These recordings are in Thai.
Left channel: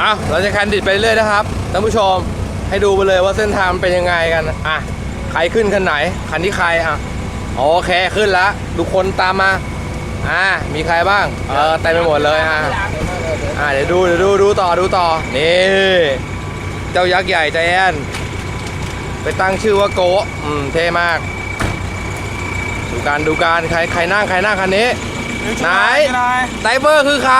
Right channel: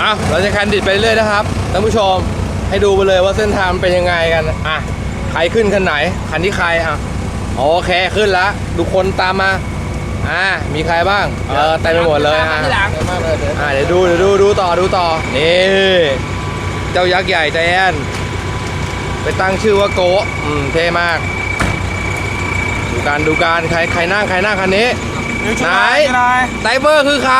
อะเราจะแคนดิดไปเรื่อยนะครับท่านผู้ชมให้ดูไปเลยว่าเส้นทางเป็นยังไงกันอะใครขึ้นคันไหนคันที่ใครอะโอเคขึ้นแล้วทุกคนตามมาอ่ามีใครบ้างเออเต็มไปหมดเลยอะอ่าเดี๋ยวดูเดี๋ยวดูดูต่อดูต่อนี่เจ้ายักษ์ใหญ่ใจแอนไปตั้งชื่อว่าโกะอืมเท่มากดูการดูการใครใครนั่งใครนั่งคันนี้ไหนไดเวอร์คือใคร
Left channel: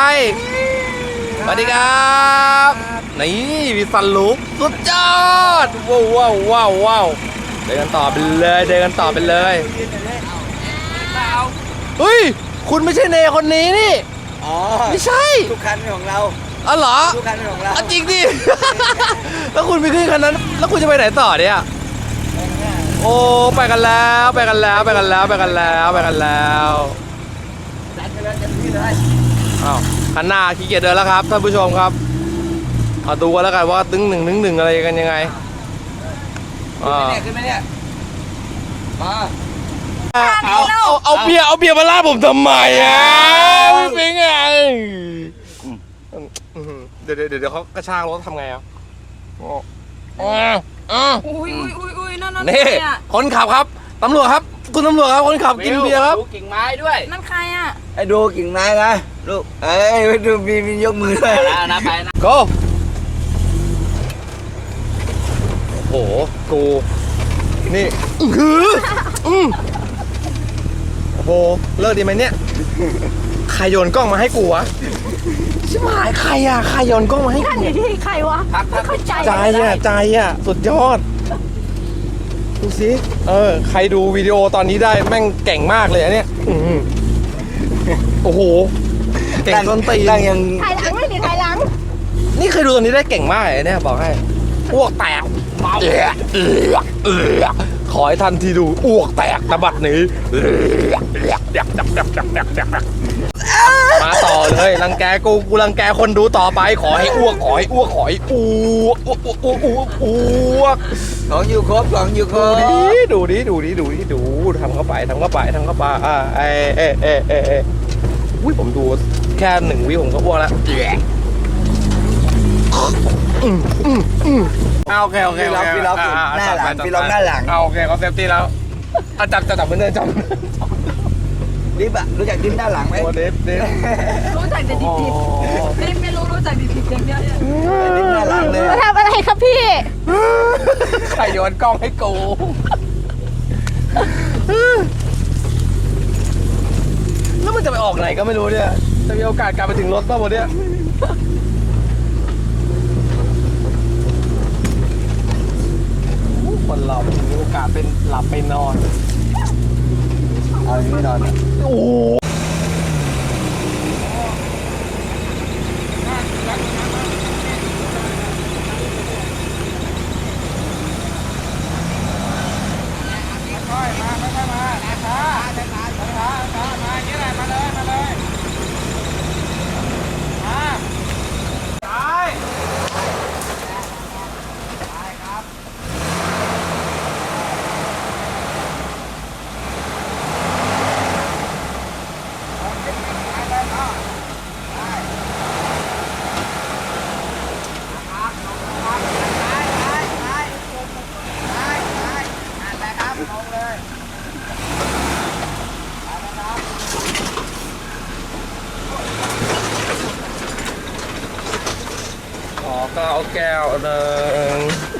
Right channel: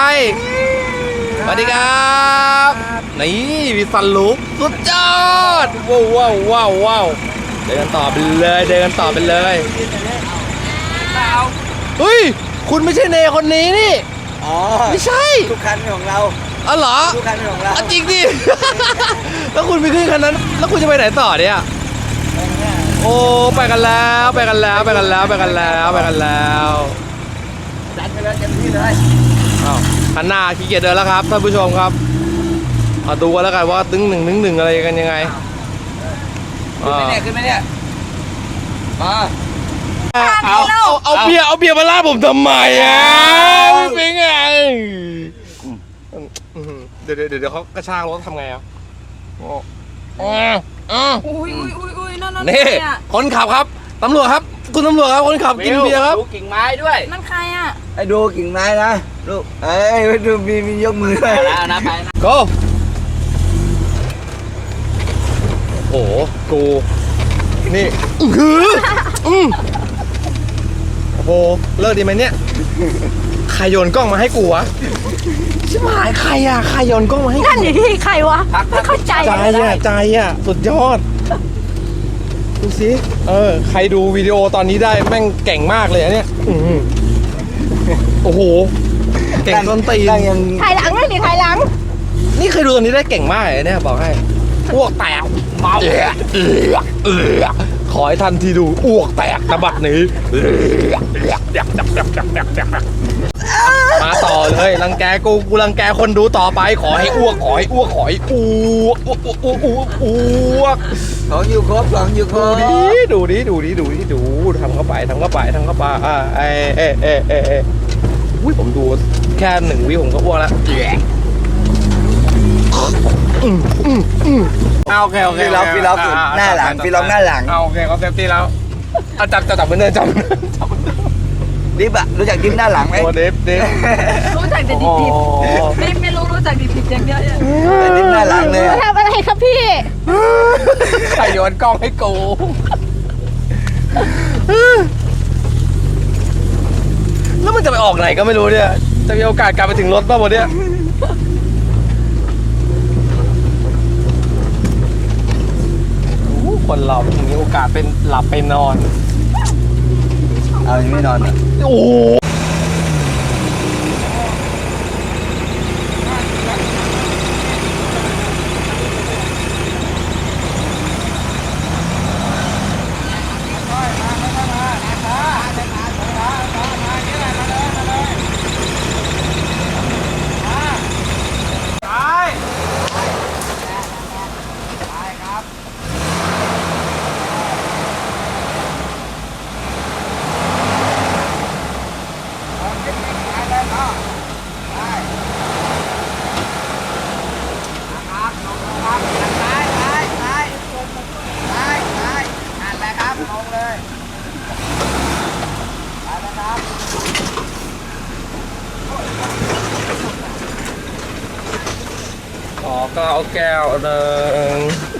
สวัสดีครับ นี่มีสันลุกสุดยอด ว้าวว้าวว้าวว้าวเดินกันต่อไปเลยเดินกันต่อไปเลยเฮ้ยคุณไม่ใช่เนคนนี้นี่ อ๋อไม่ใช่ทุกคันเป็นของเราอ๋อเหรอทุกคันเป็นของเราอะจริงดิ แล้วคุณไปขึ้นคันนั้น แล้วคุณจะไปไหนต่อเนี่ย โอ้ไปกันแล้วไปกันแล้วไปกันแล้วไปกันแล้วไปกันแล้วจัดไปเลยเต็มที่เลยอ้าว คันหน้าขี้เกียจเดินแล้วครับท่านผู้ชมครับเอาดูกันแล้วกันว่าตึงหนึ่งตึงหนึ่งอะไรกันยังไงขึ้นอ่าไหมเนี่ยขึ้นไหมเนี่ยมาเอาเอาเอาเบียร์เอาเบียร์มาลาดผมทำไมอะเป็นไงเดี๋ยวเดี๋ยวเดี๋ยวเขากระชากรถทำไงอะอ๋ออ๋ออ๋ออุ้ยอุ้ยอุ้ยอุ้ยนั่นนั่นนี่ใครอะคนขับครับตำรวจครับ คุณตำรวจครับคนขับกินเบียร์ครับ ดูกิ่งไม้ด้วยนั่นใครอะไอ้ดูกิ่งไม้นะลูกเอ้ยดูมีมียกมือด้วยนะไปนะ go โอ้โหกูนี่อื้อหืออืมโอ้โหเลิกดีไหมเนี่ยใครโยนกล้องมาให้กูวะชิบหายใครอะใครโยนกล้องมาให้นั่นกูอยู่ที่ใครวะไม่เข้าใจใจอะใจอะสุดยอด ดูสิเออ ใครดูวิดีโอตอนนี้ได้แม่งเก่งมากเลยอันเนี้ยอื้อหือโอ้โห เก่งต้นตีนตั้งยังถ่ายหลังไม่ดิถ่ายหลัง นี่เคยดูตัวนี้ได้เก่งมากเลยเนี่ยบอกให้อ้วกแตกเมาเอือกเอือกเอือกขอให้ท่านที่ดูอ้วกแตกตะบัดหนี้เอือกเอือกเอือกเอือกเอือกเอือกเอือกเอือกมาต่อ เลยรังแกกูกูรังแกคนดูต่อไปขอให้อ้วกขอให้อ้วกขอให้อ้วกอ้วกอ้วกอ้วกอ้วกอ้วกของอยู่ครบของอยู่ครดูบดิดูดิดูดิดูดิดูทำเข้าไปทำเข้าไปทำเข้าไปอ่าเอเอเอเอเออุ้ยผมดูแค่หนึ่งวิผมก็อ้วกแล้วอืมอืมอืมเอาโอเคโอเคพี่ล็อกพี่ล็อกาหน้าหลังจับพี่ล็อกหน้าหลัง เอาโอเคเขาเซฟตี้แล้วเอาจับจับจับเหมือนเดิมจับเหมือนเดิมจับ ดิฟอะรู้จักดิฟหน้าหลังไหมโอ้เดฟเดฟรู้จักแต่ดิโอ้บดิบไม่ไม่รู้รู้จักดิบดิบอย่างเดียวเนี่ยดิฟหน้าหลังเลยมาอะทำอะไรครับพี่ ใครโยนกล้องให้กูแล้วมันจะไปออกไหนก็ไม่รู้เนี่ย จะมีโอกาสกลับไปถึงรถป่ะวันเนี้ยโอ้โหคนเรามันมีโอกาสเป็นหลับไปนอน เอาอย่างนี้นอน โอ้ Ờ, có cao ok